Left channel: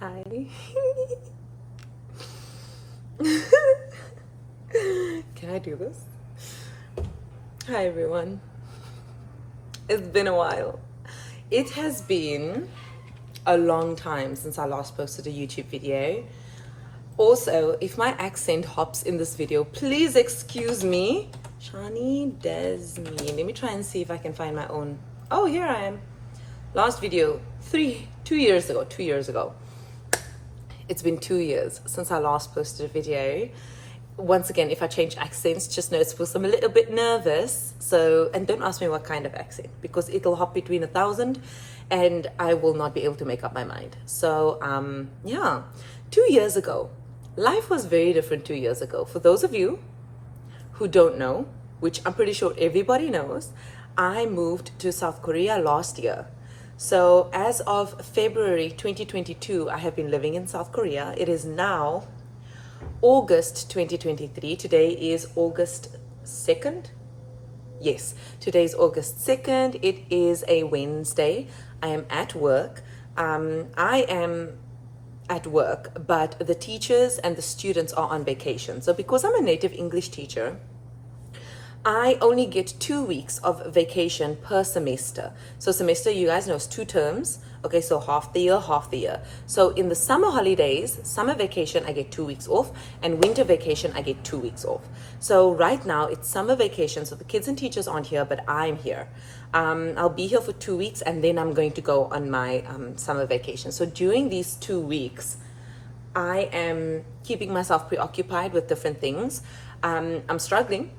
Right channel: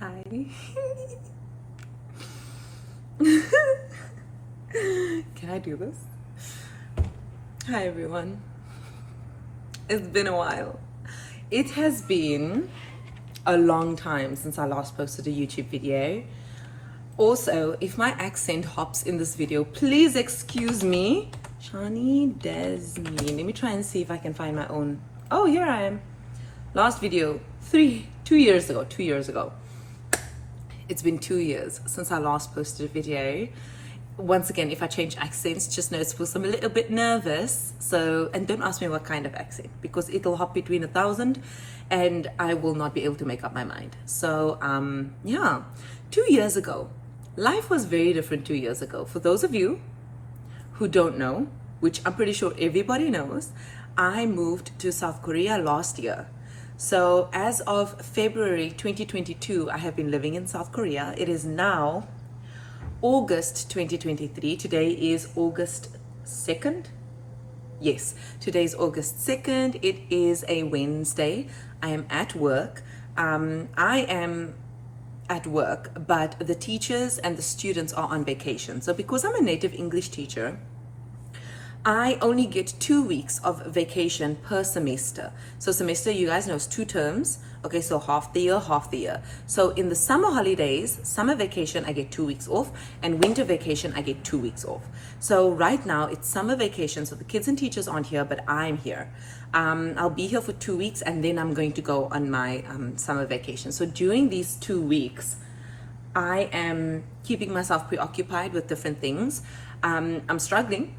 Hi. Can I do this? Hi everyone. It's been a while. It has been a long time since I last posted a YouTube video. Also, if my accent hops in this video, please excuse me. Shani Daz me. Let me try and see if I can find my own. Oh, here I am. Last video, 2 years ago. It's been 2 years since I last posted a video. Once again, if I change accents, just know it's because I'm a little bit nervous. So, and don't ask me what kind of accent, because it'll hop between 1,000 and I will not be able to make up my mind. So, yeah, 2 years ago, life was very different 2 years ago. For those of you who don't know, which I'm pretty sure everybody knows, I moved to South Korea last year. So as of February 2022, I have been living in South Korea. It is now August 2023. Today is August 2nd. Yes, today is August 2nd. It is a Wednesday. I am at work. I am at work, but the teachers and the students are on vacation. So because I'm a native English teacher, I only get 2 weeks of vacation per semester. So semester, you guys know, is 2 terms. Okay, so half the year. So in the summer holidays, summer vacation, I get 2 weeks off, and winter vacation, I get 2 weeks off. So right now it's summer vacation, so the kids and teachers aren't here, but I'm here. I'll be here for 2 weeks, and then I'm going to go on my summer vacation. So during these 2 weeks, I am keeping myself preoccupied with different things. I'm struggling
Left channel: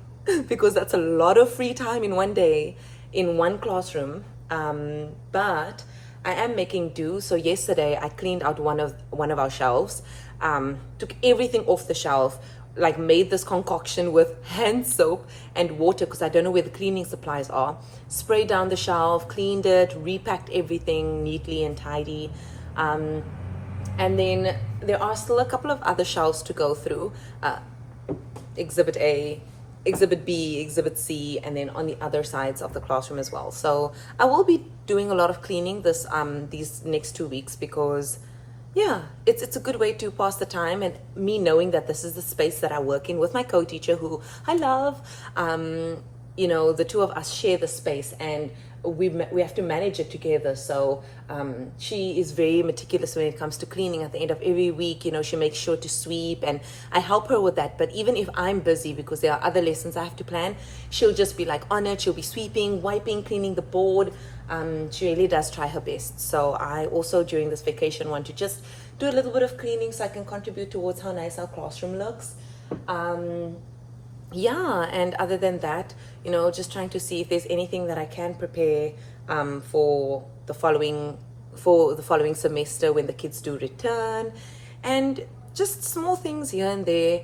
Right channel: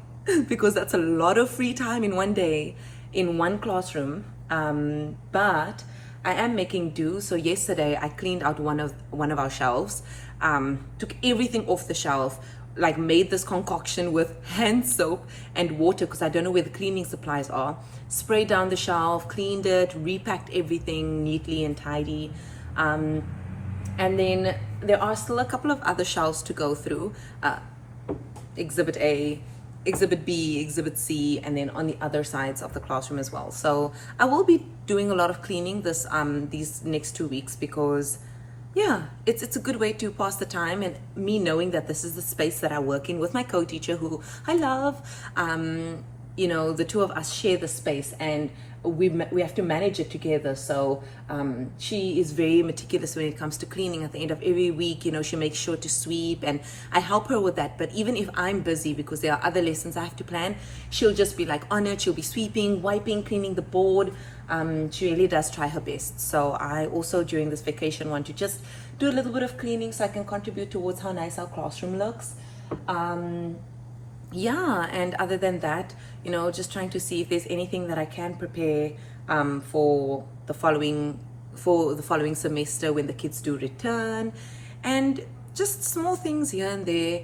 because that's a lot of free time in one day, in one classroom. But I am making do. So yesterday I cleaned out one of our shelves, took everything off the shelf, like made this concoction with hand soap and water, because I don't know where the cleaning supplies are. Sprayed down the shelf, cleaned it, repacked everything neatly and tidy. And then there are still a couple of other shelves to go through. Exhibit A, Exhibit B, Exhibit C, and then on the other sides of the classroom as well. So I will be doing a lot of cleaning these next 2 weeks, because yeah, it's a good way to pass the time, and me knowing that this is the space that I work in with my co-teacher, who I love. You know, the two of us share the space, and we have to manage it together. So she is very meticulous when it comes to cleaning. At the end of every week, you know, she makes sure to sweep, and I help her with that. But even if I'm busy, because there are other lessons I have to plan, she'll just be like on it. She'll be sweeping, wiping, cleaning the board. She really does try her best. So I also, during this vacation, want to just do a little bit of cleaning so I can contribute towards how nice our classroom looks. Yeah, and other than that, you know, just trying to see if there's anything that I can prepare for the following semester when the kids do return, and just small things here and there.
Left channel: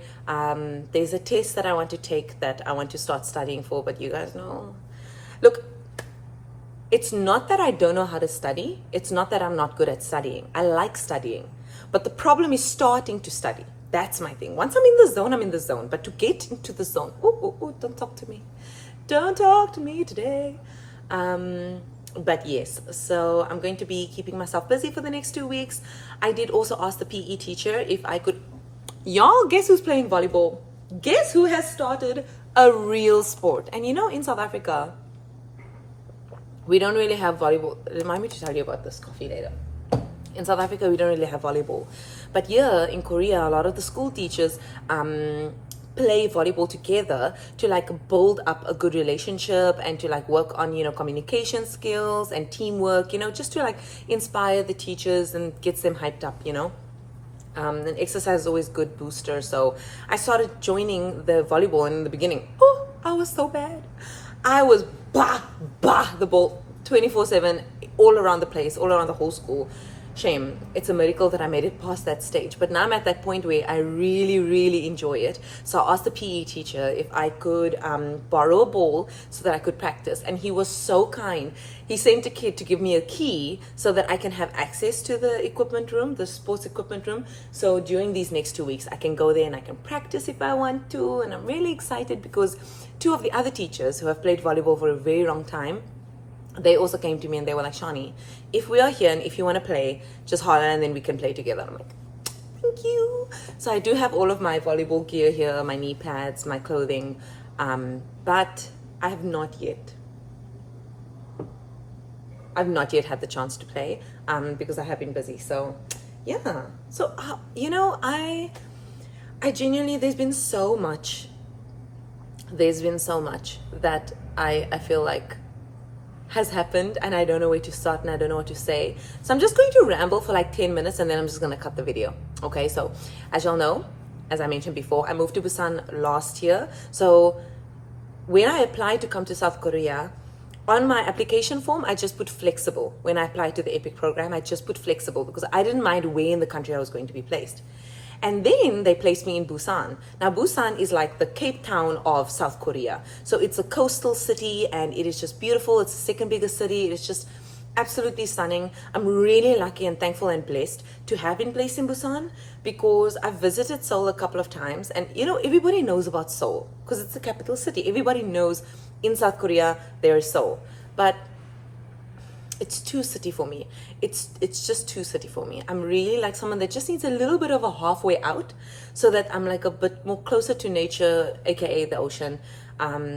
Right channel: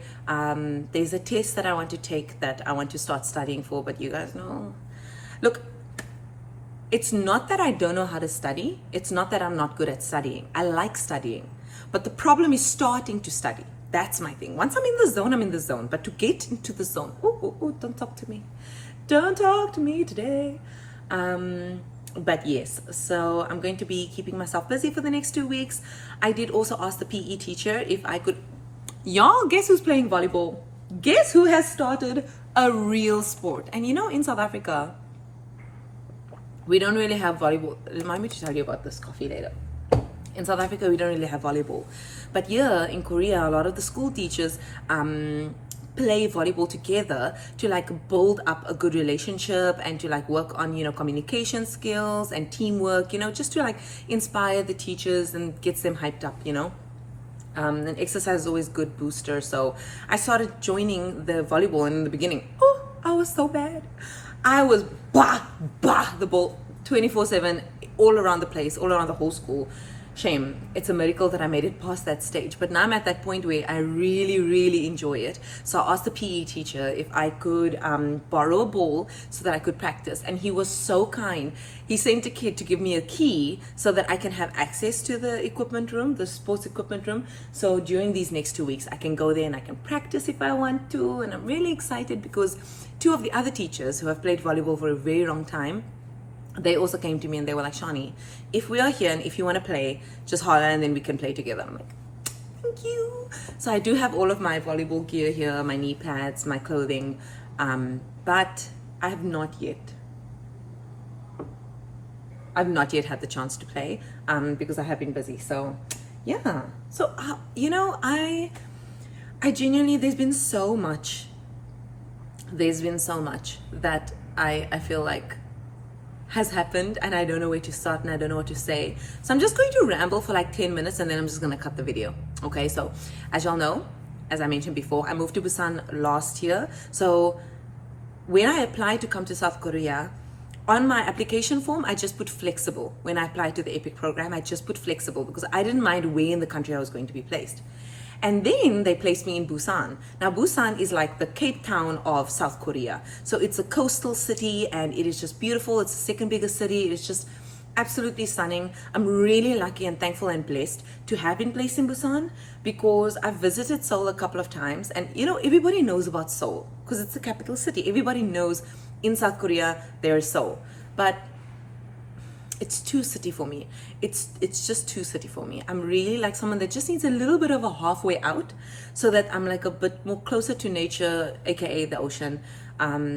There's a test that I want to take that I want to start studying for, but you guys know, look, it's not that I don't know how to study. It's not that I'm not good at studying. I like studying, but the problem is starting to study. That's my thing. Once I'm in the zone, I'm in the zone. But to get into the zone, don't talk to me. Don't talk to me today. But yes, so I'm going to be keeping myself busy for the next 2 weeks. I did also ask the PE teacher if I could. Y'all, guess who's playing volleyball? Guess who has started a real sport? And you know, in South Africa, we don't really have volleyball. Remind me to tell you about this coffee later. In South Africa, we don't really have volleyball. But here in Korea, a lot of the school teachers play volleyball together to like build up a good relationship, and to like work on, you know, communication skills and teamwork, you know, just to like inspire the teachers and gets them hyped up, you know. And exercise is always good booster. So I started joining the volleyball, and in the beginning, I was so bad. I was the ball 24/7 all around the place, all around the whole school. Shame. It's a miracle that I made it past that stage. But now I'm at that point where I really, really enjoy it. So I asked the PE teacher if I could borrow a ball so that I could practice. And he was so kind. He sent a kid to give me a key so that I can have access to the equipment room, the sports equipment room. So during these next 2 weeks, I can go there and I can practice if I want to. And I'm really excited because 2 of the other teachers who have played volleyball for a very long time they also came to me and they were like, Shani, if we are here and if you want to play, just holler and then we can play together. I'm like, thank you. So I do have all of my volleyball gear here, my knee pads, my clothing, but I have not yet had the chance to play because I have been busy. So yeah, so you know, I genuinely, there's been so much that I feel like has happened and I don't know where to start and I don't know what to say. So I'm just going to ramble for like 10 minutes and then I'm just going to cut the video. Okay, so as y'all know, as I mentioned before, I moved to Busan last year. So when I applied to come to South Korea, on my application form, I just put flexible. When I applied to the EPIC program, I just put flexible because I didn't mind where in the country I was going to be placed. And then they placed me in Busan. Now, Busan is like the Cape Town of South Korea. So it's a coastal city and it is just beautiful. It's the second biggest city. It's just absolutely stunning. I'm really lucky and thankful and blessed to have been placed in Busan because I've visited Seoul a couple of times. And you know, everybody knows about Seoul because it's the capital city. Everybody knows in South Korea there is Seoul. But it's too city for me. It's just too city for me. I'm really like someone that just needs a little bit of a halfway out so that I'm like a bit more closer to nature, aka the ocean.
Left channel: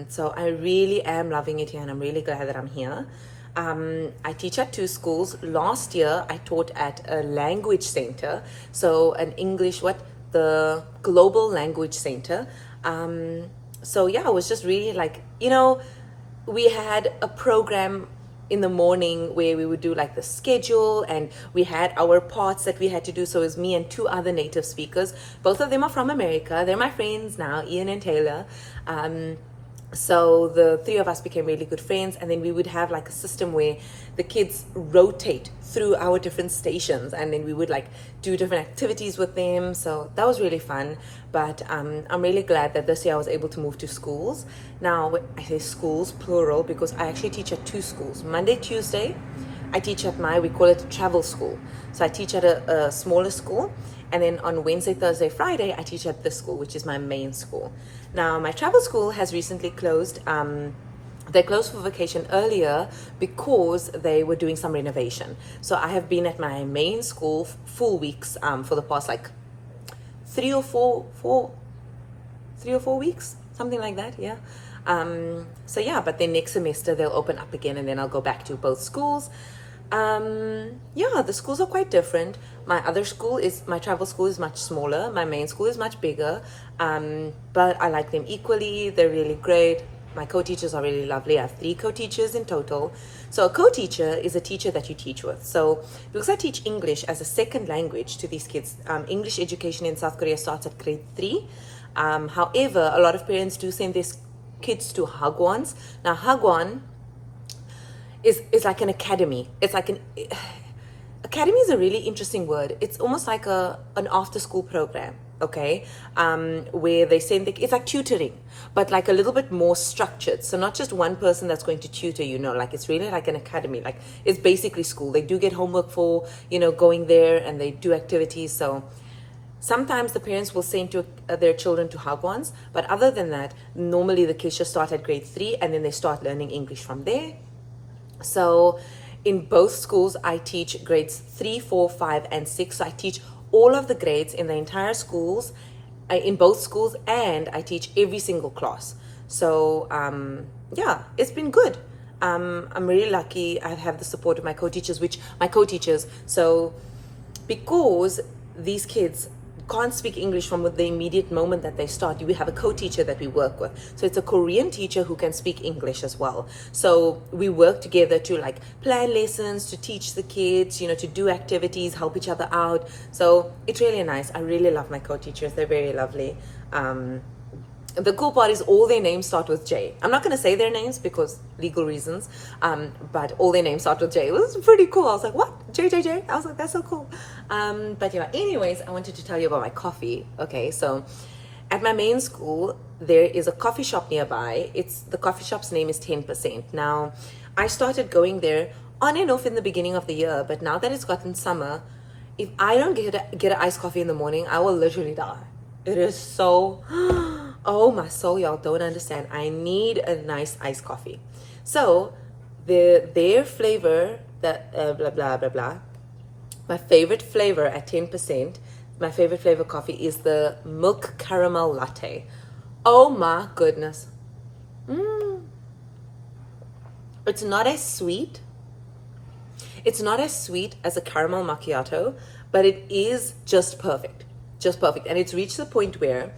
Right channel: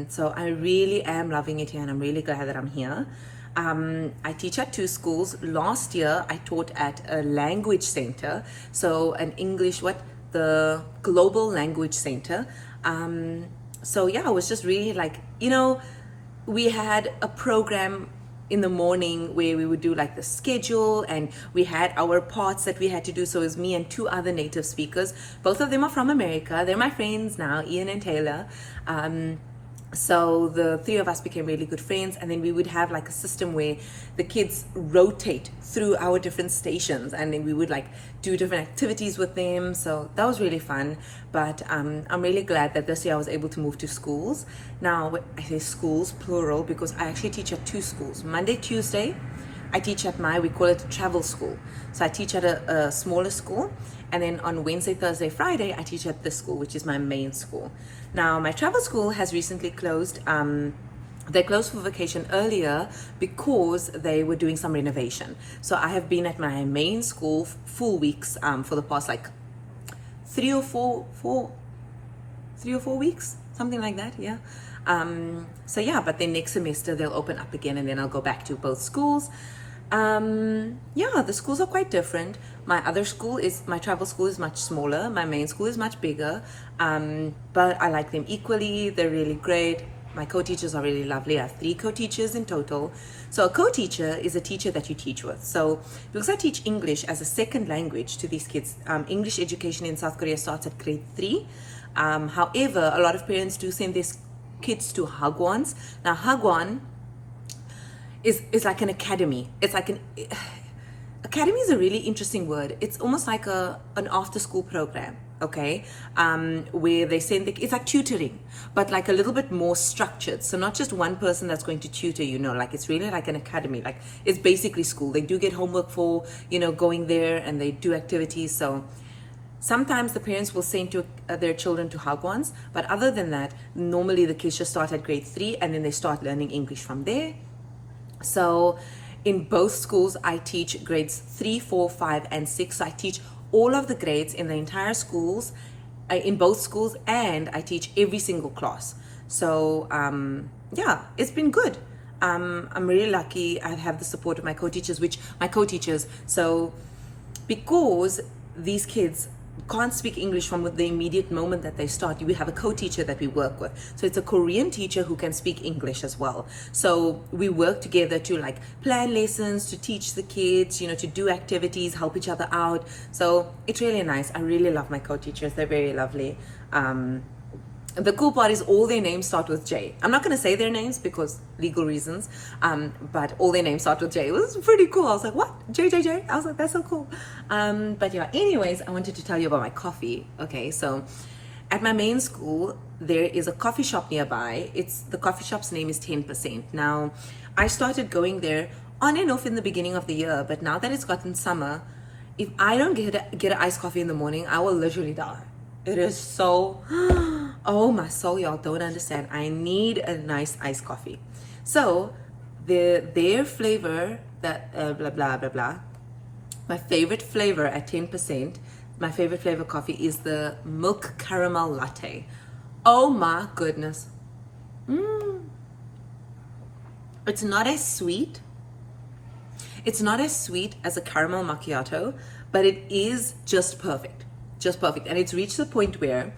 So I really am loving it here and I'm really glad that I'm here. I teach at 2 schools. Last year I taught at a language center, so an English, the Global Language Center. So yeah, I was just really like, you know, we had a program in the morning where we would do like the schedule and we had our parts that we had to do. So it was me and 2 other native speakers. Both of them are from America. They're my friends now, Ian and Taylor. So the 3 of us became really good friends, and then we would have like a system where the kids rotate through our different stations and then we would like do different activities with them. So that was really fun. But I'm really glad that this year I was able to move to schools. Now I say schools plural because I actually teach at 2 schools. Monday, Tuesday, I teach at we call it a travel school. So I teach at a smaller school. And then on Wednesday, Thursday, Friday, I teach at this school, which is my main school. Now, my travel school has recently closed. They closed for vacation earlier because they were doing some renovation. So I have been at my main school full weeks for the past like 3 or 4 weeks, something like that. Yeah. So yeah, but then next semester they'll open up again and then I'll go back to both schools. Yeah, the schools are quite different. My travel school is much smaller. My main school is much bigger. But I like them equally. They're really great. My co-teachers are really lovely. I have 3 co-teachers in total. So a co-teacher is a teacher that you teach with. So because I teach English as a second language to these kids, English education in South Korea starts at grade 3. However, a lot of parents do send their kids to hagwons. Now hagwon is like an academy. It's like academy is a really interesting word. It's almost like an after school program, okay? Where they send it's like tutoring, but like a little bit more structured. So not just one person that's going to tutor, you know, like it's really like an academy. Like it's basically school. They do get homework for, you know, going there and they do activities. So sometimes the parents will send their children to hagwons, but other than that, normally the kids just start at grade 3 and then they start learning English from there. So in both schools, I teach grades 3, 4, 5, and 6. So I teach all of the grades in the entire schools, in both schools, and I teach every single class. So yeah, it's been good. I'm really lucky. I have the support of my co-teachers, so because these kids can't speak English from the immediate moment that they start, we have a co-teacher that we work with. So it's a Korean teacher who can speak English as well. So we work together to like plan lessons, to teach the kids, you know, to do activities, help each other out. So it's really nice. I really love my co-teachers. They're very lovely. The cool part is all their names start with J. I'm not going to say their names because legal reasons, but all their names start with J. It was pretty cool. I was like, what? J? I was like, that's so cool. But yeah, anyways, I wanted to tell you about my coffee. Okay, so at my main school, there is a coffee shop nearby. The coffee shop's name is 10%. Now, I started going there on and off in the beginning of the year, but now that it's gotten summer, if I don't get an iced coffee in the morning, I will literally die. It is so, oh my soul, y'all don't understand. I need a nice iced coffee. So their flavor, that blah blah blah blah. My favorite flavor at 10%, my favorite flavor coffee is the milk caramel latte. Oh my goodness. It's not as sweet. It's not as sweet as a caramel macchiato, but it is just perfect. Just perfect. And it's reached the point where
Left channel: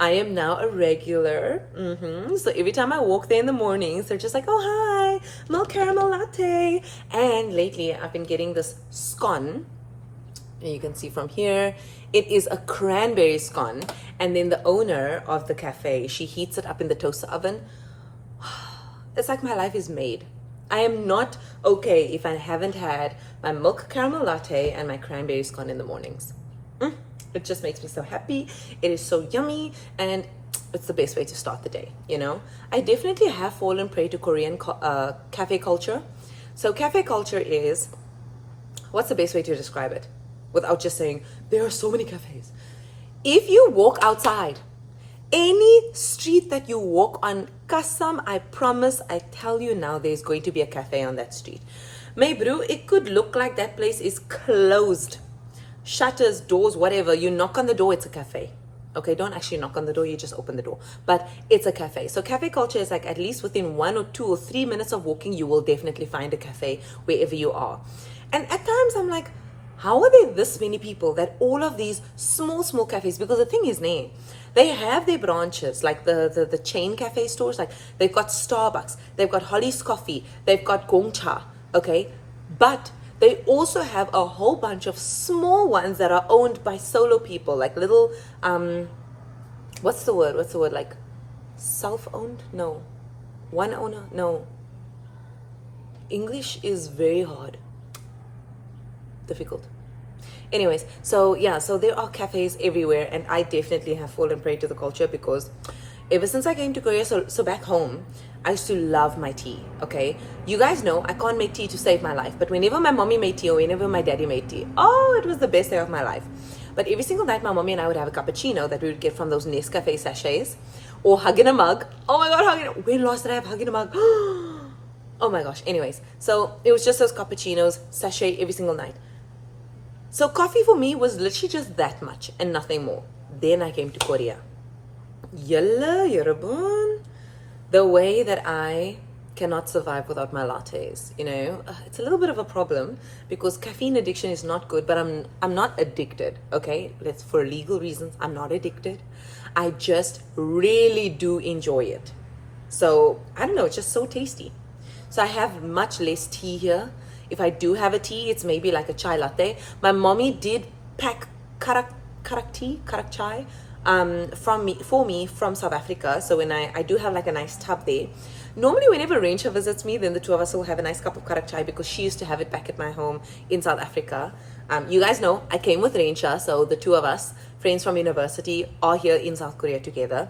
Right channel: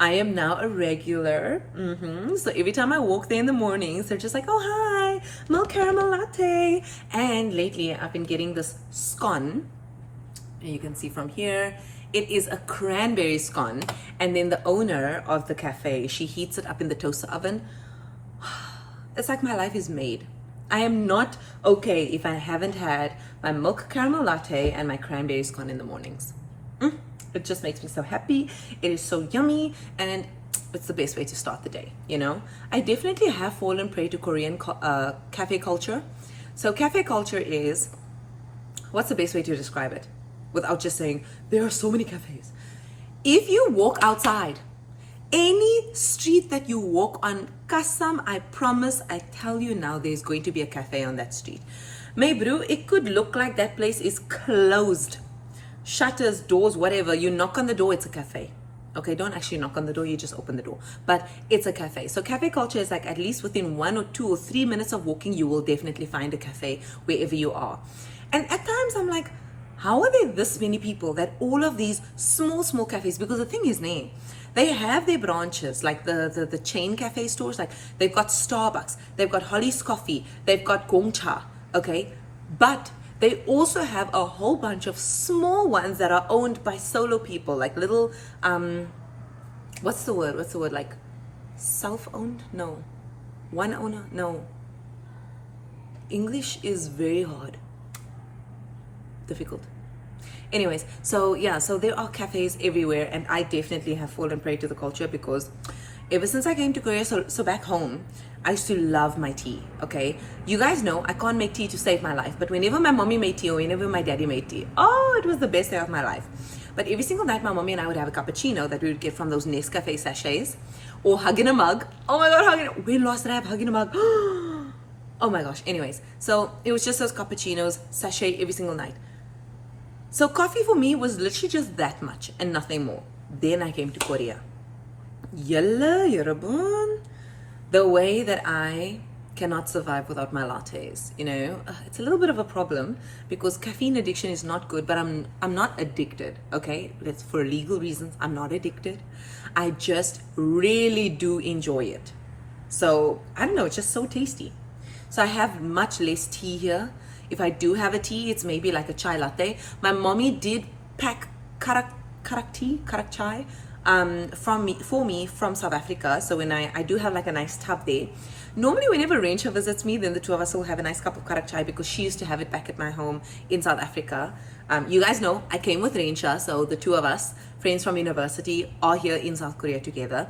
I am now a regular. So every time I walk there in the mornings, they're just like, oh, hi, milk caramel latte. And lately I've been getting this scone. And you can see from here, it is a cranberry scone. And then the owner of the cafe, she heats it up in the toaster oven. It's like my life is made. I am not okay if I haven't had my milk caramel latte and my cranberry scone in the mornings. It just makes me so happy. It is so yummy, and it's the best way to start the day, you know? I definitely have fallen prey to Korean cafe culture. So cafe culture is, what's the best way to describe it without just saying, there are so many cafes? If you walk outside, any street that you walk on, kasam, I promise, I tell you now, there's going to be a cafe on that street. May bro, it could look like that place is closed. Shutters, doors, whatever. You knock on the door, it's a cafe. Okay, don't actually knock on the door, you just open the door. But it's a cafe. So cafe culture is like at least within 1 or 2 or 3 minutes of walking, you will definitely find a cafe wherever you are. And at times I'm like, how are there this many people that all of these small cafes, because the thing is, they have their branches, like the chain cafe stores, like they've got Starbucks, they've got Holly's Coffee, they've got Gongcha, okay? But they also have a whole bunch of small ones that are owned by solo people, like little, what's the word, like self-owned? No. One owner? No. English is very hard. Difficult. Anyways, so yeah, so there are cafes everywhere, and I definitely have fallen prey to the culture because ever since I came to Korea, so back home, I used to love my tea, okay? You guys know I can't make tea to save my life, but whenever my mommy made tea or whenever my daddy made tea, oh, it was the best day of my life. But every single night, my mommy and I would have a cappuccino that we would get from those Nescafe sachets or hug in a mug. Oh my God, when last did I have hug in a mug? Oh my gosh, anyways. So it was just those cappuccinos, sachet every single night. So coffee for me was literally just that much and nothing more. Then I came to Korea. Yalla, yarabun. The way that I cannot survive without my lattes, you know, it's a little bit of a problem because caffeine addiction is not good, but I'm not addicted, okay? For legal reasons, I'm not addicted. I just really do enjoy it. So I don't know, it's just so tasty. So I have much less tea here. If I do have a tea, it's maybe like a chai latte. My mommy did pack karak chai for me from South Africa. So when I do have like a nice tub there. Normally whenever Raincha visits me, then the two of us will have a nice cup of karak chai because she used to have it back at my home in South Africa. You guys know I came with Raincha, so the two of us, friends from university, are here in South Korea together.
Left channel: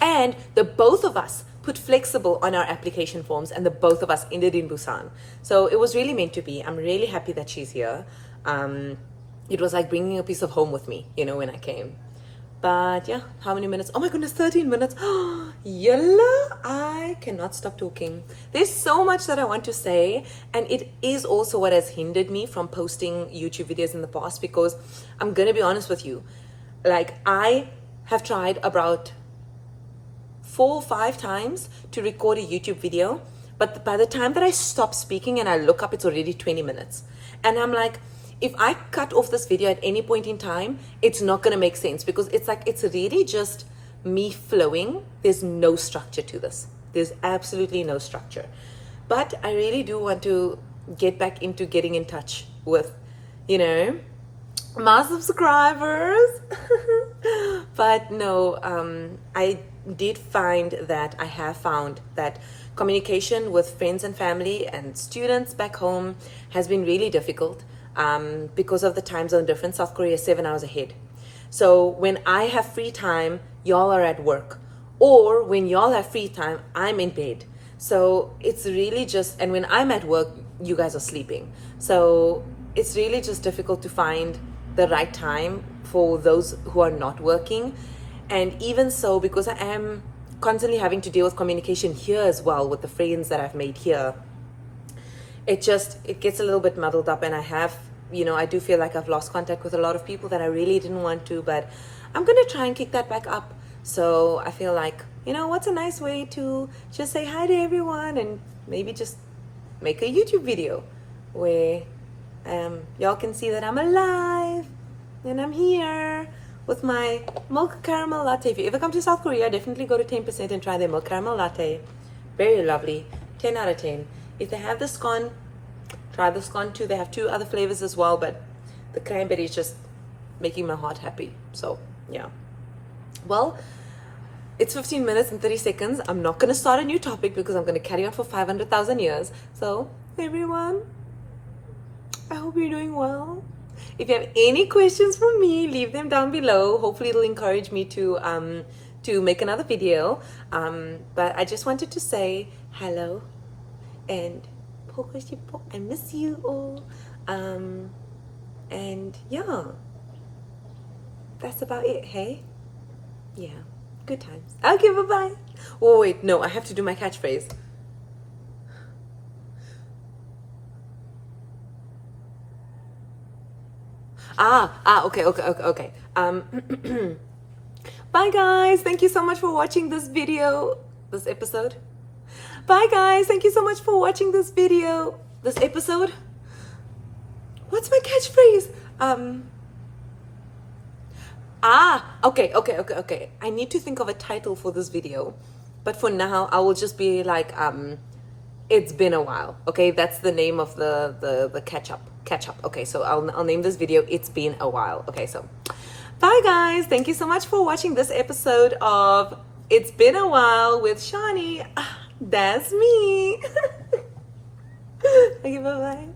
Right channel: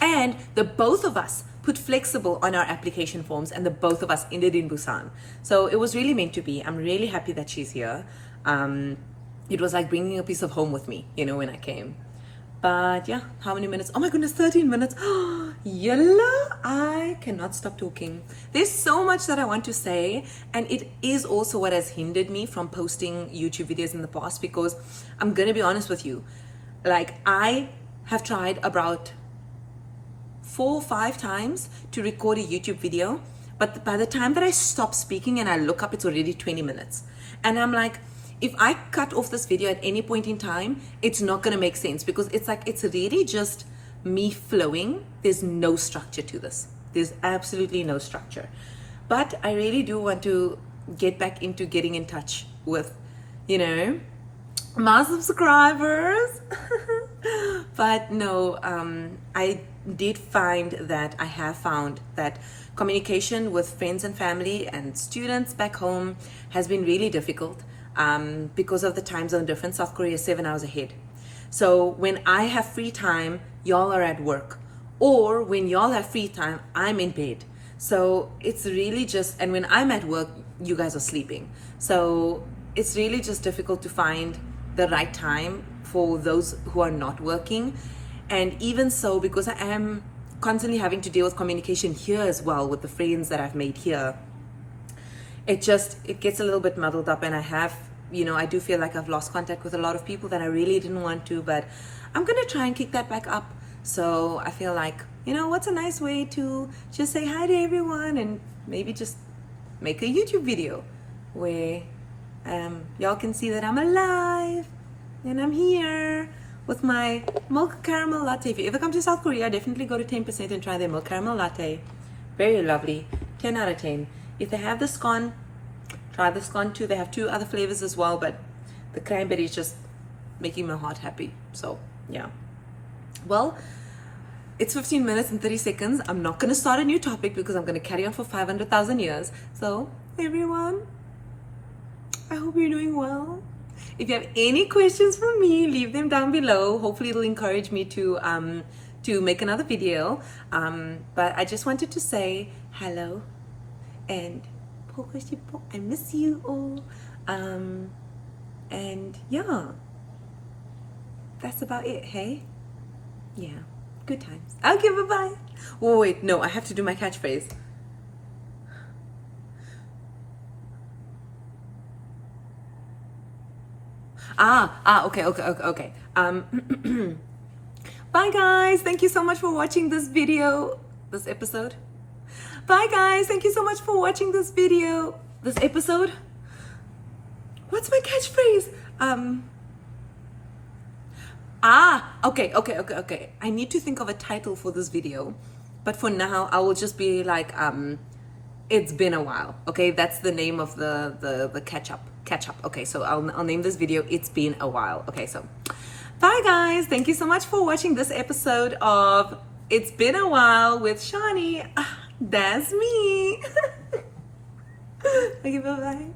And the both of us put flexible on our application forms, and the both of us ended in Busan. So it was really meant to be. I'm really happy that she's here. It was like bringing a piece of home with me, you know, when I came. But yeah, how many minutes? Oh my goodness, 13 minutes. Yalla, I cannot stop talking. There's so much that I want to say, and it is also what has hindered me from posting YouTube videos in the past, because I'm gonna be honest with you, like I have tried about 4 or 5 times to record a YouTube video, but by the time that I stop speaking and I look up, it's already 20 minutes. And I'm like, if I cut off this video at any point in time, it's not gonna make sense, because it's like, it's really just me flowing. There's no structure to this. There's absolutely no structure. But I really do want to get back into getting in touch with, you know, my subscribers. But no, I did find that I have found that communication with friends and family and students back home has been really difficult because of the time zone difference. South Korea is 7 hours ahead. So when I have free time, y'all are at work. Or when y'all have free time, I'm in bed. So it's really just, and when I'm at work, you guys are sleeping. So it's really just difficult to find the right time for those who are not working. And even so, because I am constantly having to deal with communication here as well with the friends that I've made here, it gets a little bit muddled up, and I do feel like I've lost contact with a lot of people that I really didn't want to, but I'm gonna try and kick that back up. So I feel like, what's a nice way to just say hi to everyone, and maybe just make a YouTube video where y'all can see that I'm alive and I'm here with my milk caramel latte. If you ever come to South Korea, definitely go to 10% and try their milk caramel latte. Very lovely. 10 out of 10. If they have the scone, try the scone too. They have 2 other flavors as well, but the cranberry is just making my heart happy. So yeah. Well, it's 15 minutes and 30 seconds. I'm not going to start a new topic because I'm going to carry on for 500,000 years. So everyone, I hope you're doing well. If you have any questions for me, leave them down below. Hopefully it'll encourage me to make another video. But I just wanted to say hello and I miss you all. And yeah, that's about it, hey? Yeah, good times. Okay, bye-bye. Oh, wait, no, I have to do my catchphrase. Okay. Bye guys, thank you so much for watching this episode. Bye guys, thank you so much for watching this episode. What's my catchphrase? Okay. I need to think of a title for this video, but for now I will just be like, it's been a while. Okay, that's the name of the catch up. Okay, so I'll name this video It's Been a While. Okay, so bye guys, thank you so much for watching this episode of It's Been a While with Shani. That's me. Okay, bye bye.